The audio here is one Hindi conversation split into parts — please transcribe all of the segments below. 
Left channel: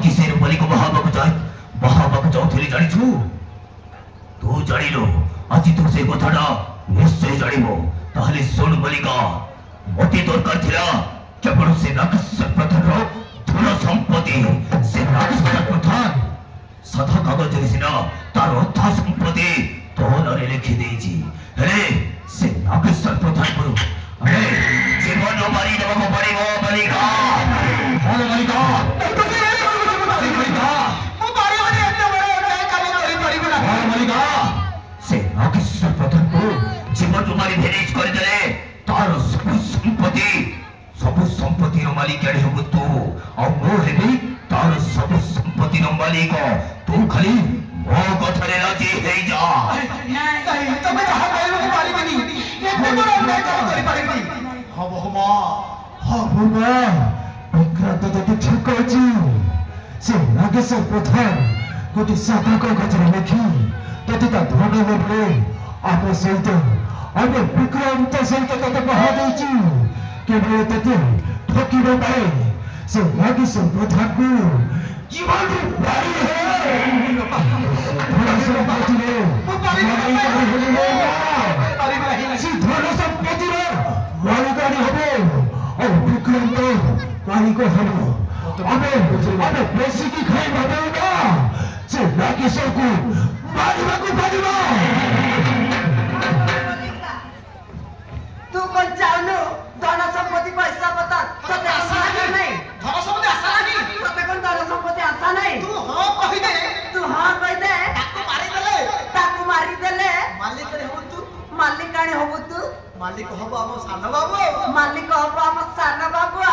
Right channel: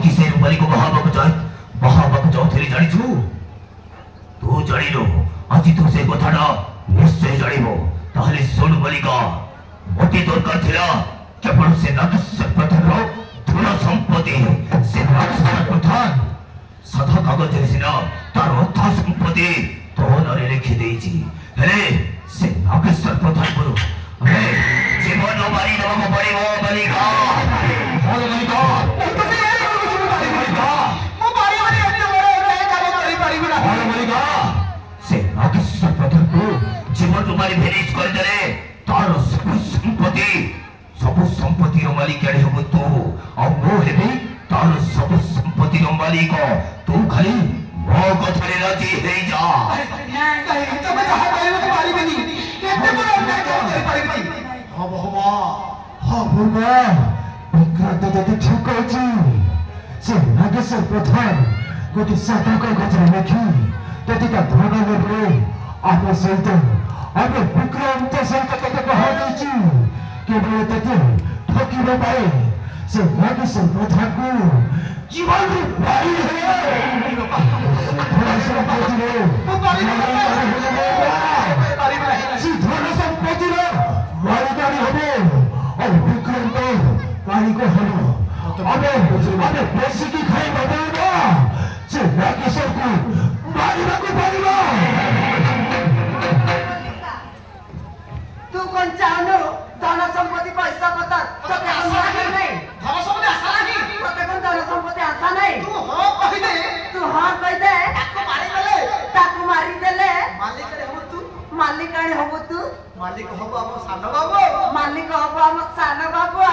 कहीं से रूपाली को बहाबक जाऊली जाचु तू जाणु आज तू से कथा निश्चय जानव ताहले शुण बालिका मत दरकार थिला केवल से नागेश्वर प्रधान धन संपत्ति से नागेश्वर प्रधान साधा कागज सिना तार अथा संपत्ति तो नारे लिखि देछि हेले से नागेश्वर प्रधान को जीवन मारी दबा पड़िबो बालिका हां बालिका तो से बालिका मो बारी बारी एते बड़े काली करि परिबला हां बालिका से नागेश्वर प्रधान को जीवन मारी भेनिश कर देले तार सब संपत्ति रो मालिक आड़े हबु तू आ मो हेबी तार सब संपत्ति रो मालिक तू खाली मो कथरे राजी हे जा नहीं तमे कहा कहले को पारी बनी एते बड़ अन्याय करि पारिबी हबो ना विक्रांत तो ठीक अछि से नागेश्वर प्रधान गोटे साधा को कथरे लिखि ततिका धन लेबरे आप सहित आगे विक्रांत सहित तते कहा देछि केवल तते ठकिबे पाए से नागेश्वर प्रधान को जीवन बारी है धन संपत्ति रो धन संपत्ति रो मालिकानी हबे और विक्रांत मालिक हबो अबे बेसी की खाई बदेबा से नागेश्वर को मारिबा को पड़िबा तू कौन चाहनो धन संपत्ति पैसा पता तो आशा नहीं धन संपत्ति आशा नहीं तो कौन धन संपत्ति आशा नहीं तू हां कह दे ताकू मारी देले मालिक काने होबो तू मालिक होबो हम सान बाबू मालिक होबो हम सान बाबू आ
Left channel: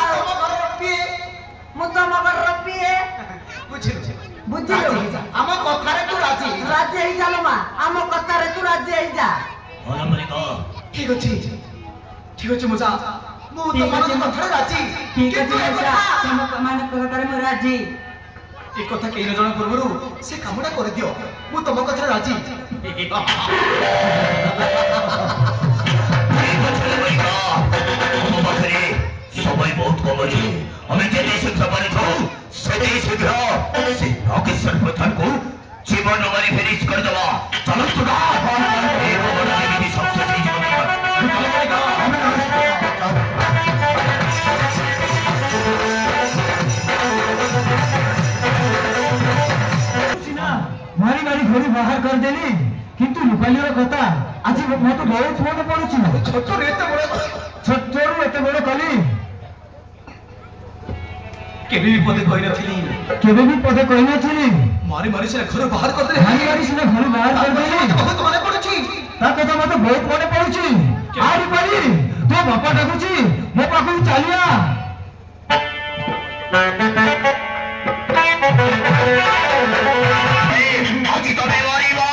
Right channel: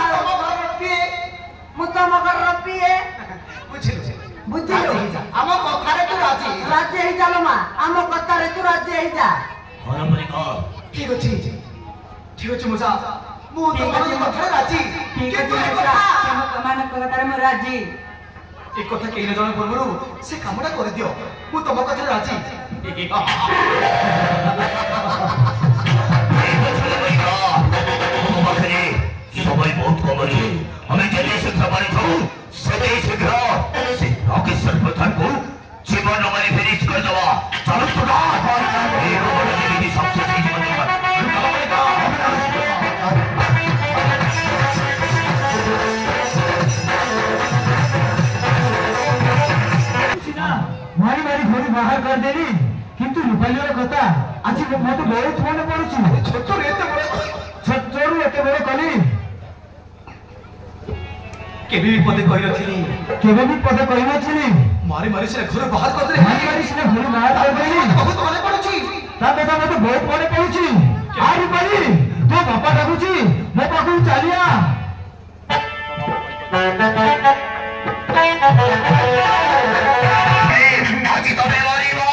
रब्बी मुतम कर रब्बी है बुझिलो हम कथा रे तू राजी हे जालो मा हम कथा रे तू राजी हे जा हां बालिका ठीक अछि मजा मु तो मन कथा राजी ठीक अछि मजा हम कमान कथा रे मु राजी एक कथा केन जण पूर्वरु से कामडा कर दियो मु तम कथा राजी सबै बहुत कम अछि हमें जते शीघ्र मारि जाऊ सेते शीघ्र से नागेश्वर प्रधान को जीवन मारी फिनिश कर दवा चलो खुदा ए बड़ा देवी सबसे तेज मारी मारी घोड़ी बाहर कर देली किंतु रूपाली कथा आज मत बहुत मन पड़ुछि छोटो एते बड़ कली केबे भी पदे कहि नथिली मारी मारी से घर बाहर कर देले मारी मारी से घर बाहर कर देली बहुत मन पड़ुछि ता कथा मत बहुत मन पड़ुछि आ रूपाली तो बापा डाकुछि मो पाखु चलिया आज तो बेवारी बा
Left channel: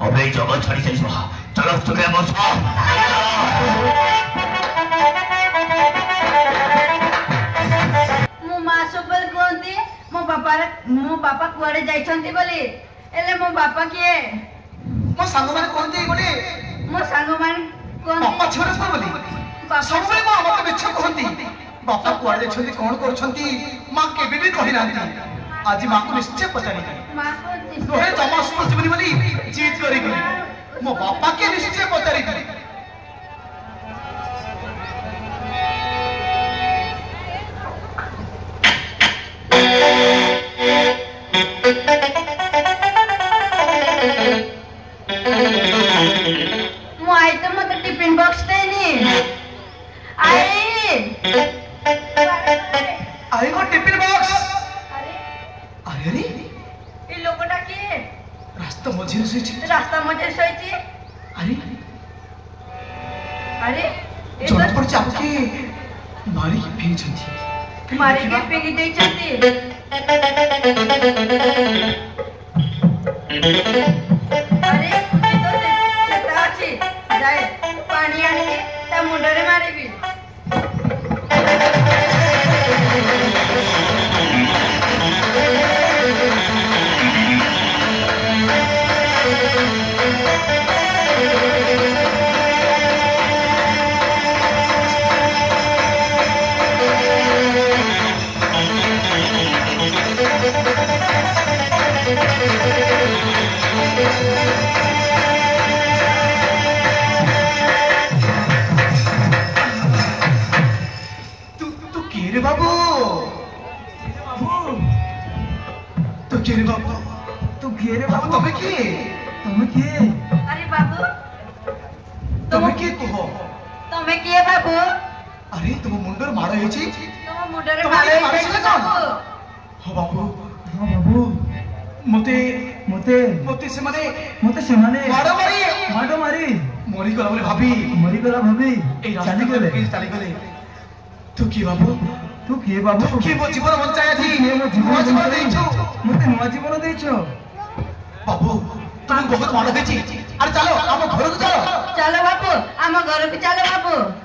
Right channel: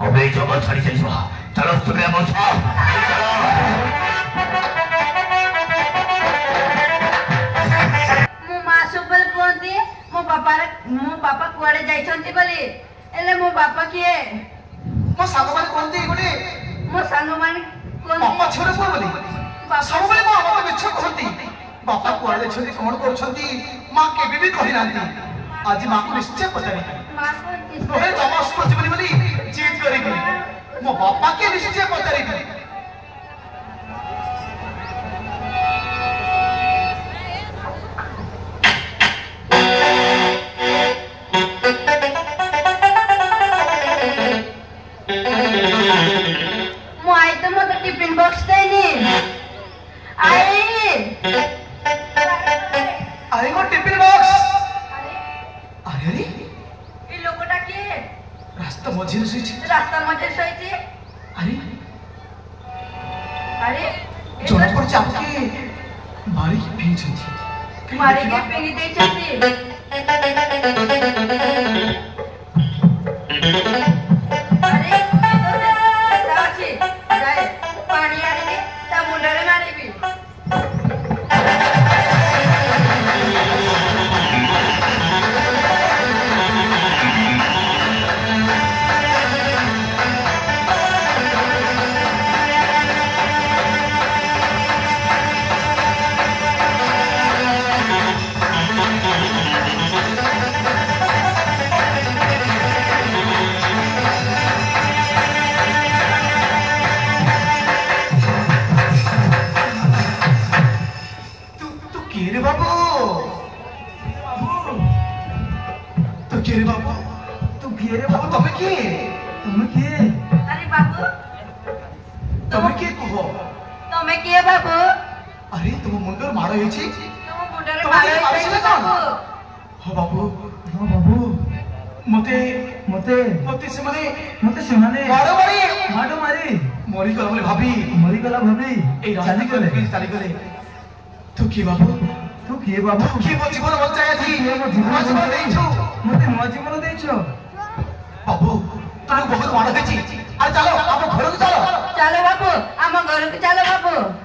अब ये जगह छाड़ी चली चलो सुबह बस मो बापा कुआडे जाइछंती बोली एले मो बापा किए मो सांग माने कोनती बोली मो सांग माने कोन बापा छोरे को बोली सब बेले मो बापा बिछ कोनती बापा कुआडे जाइछंती कोन करछंती मां केबे भी कहि नांती आज मां को निश्चय पचारि तोहे जमा सुनछि बोली बोली जीत करी गई मो बापा के निश्चय पचारि टिफिन बॉक्स देनी आई वो टिफिन बॉक्स अरे अरे ये लोकटा के रास्ता मझे सोईची अरे अरे जोर पर चापके मारी के फेंक छंती मारी के फेंक दे छंती अरे पानी आने ता मुंडरे मारिबी जीवन बचाया थी जीवन देछो बाबू तुम बहुत मार देछि अरे चलो हम घर को चलो बाबू आम घर को चलो बाबू